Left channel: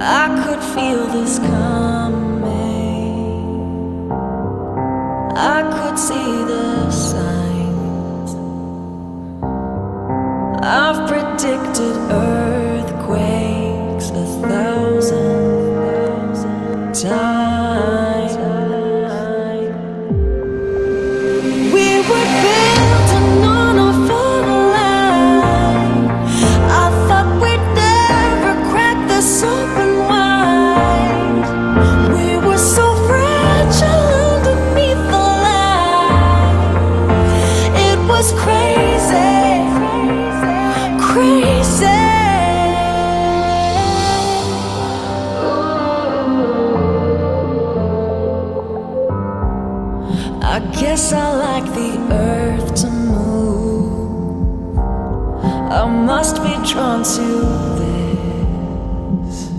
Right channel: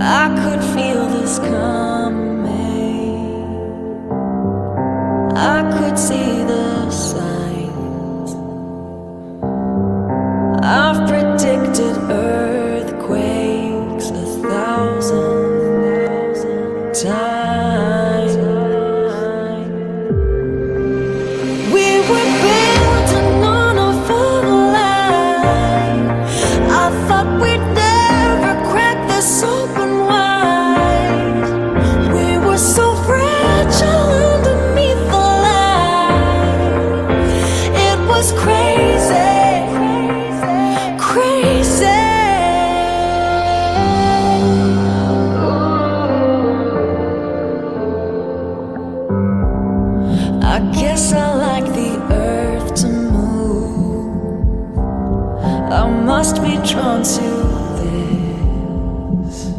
I could feel this coming. I could see the signs. I've predicted earthquakes 1,000 times. We were building on a full line. I thought we'd never crack this open wide. We were so fragile underneath the light. It was crazy, crazy. I guess I like the earth to move. I must be drawn to this.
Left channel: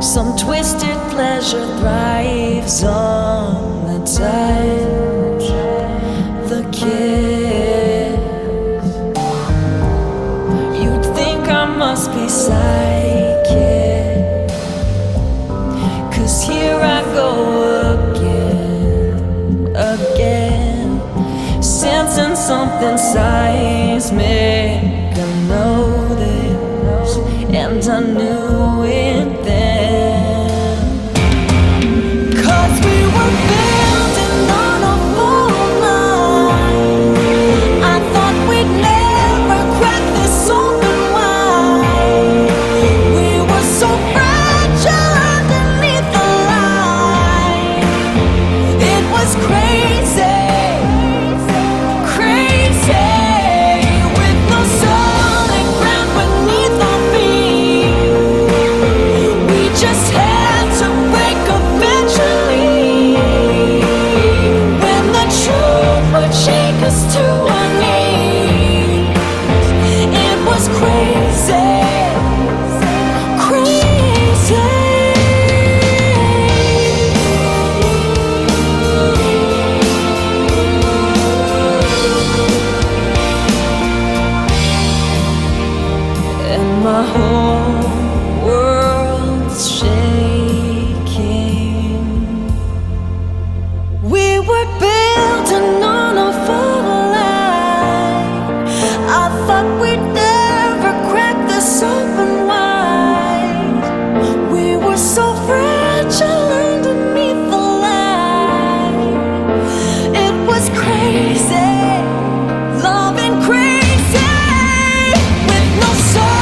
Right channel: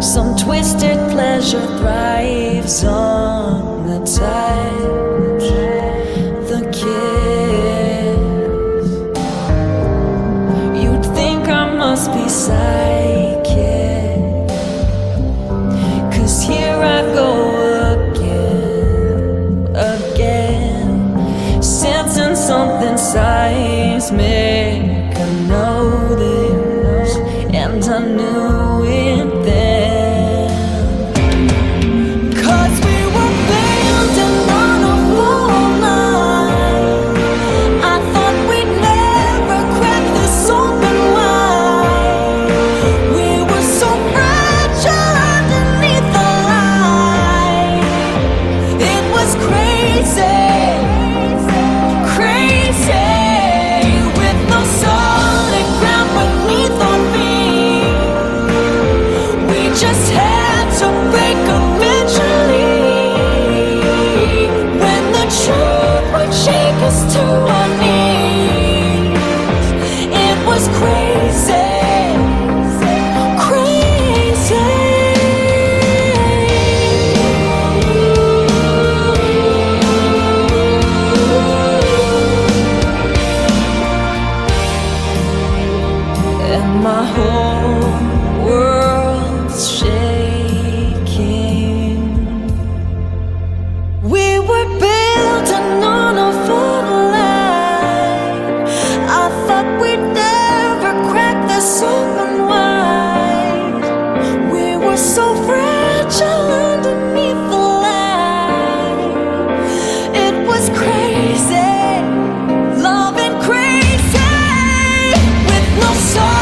Some twisted pleasure thrives on the touch, the kiss. You'd think I must be psychic, 'cause here I go again, sensing something seismic. I know this, and I knew it then. 'Cause we were building on a full line. I thought we'd never crack this open wide. We were so fragile underneath the light. It was crazy, crazy, with no solid ground beneath our feet. We just had to break eventually, when the truth would shake us to our knees. It was crazy, crazy. And my whole world's shaking. We were building on a full line. I thought we'd never crack this open wide. We were so fragile underneath the light. It was crazy, loving crazy, with no soul.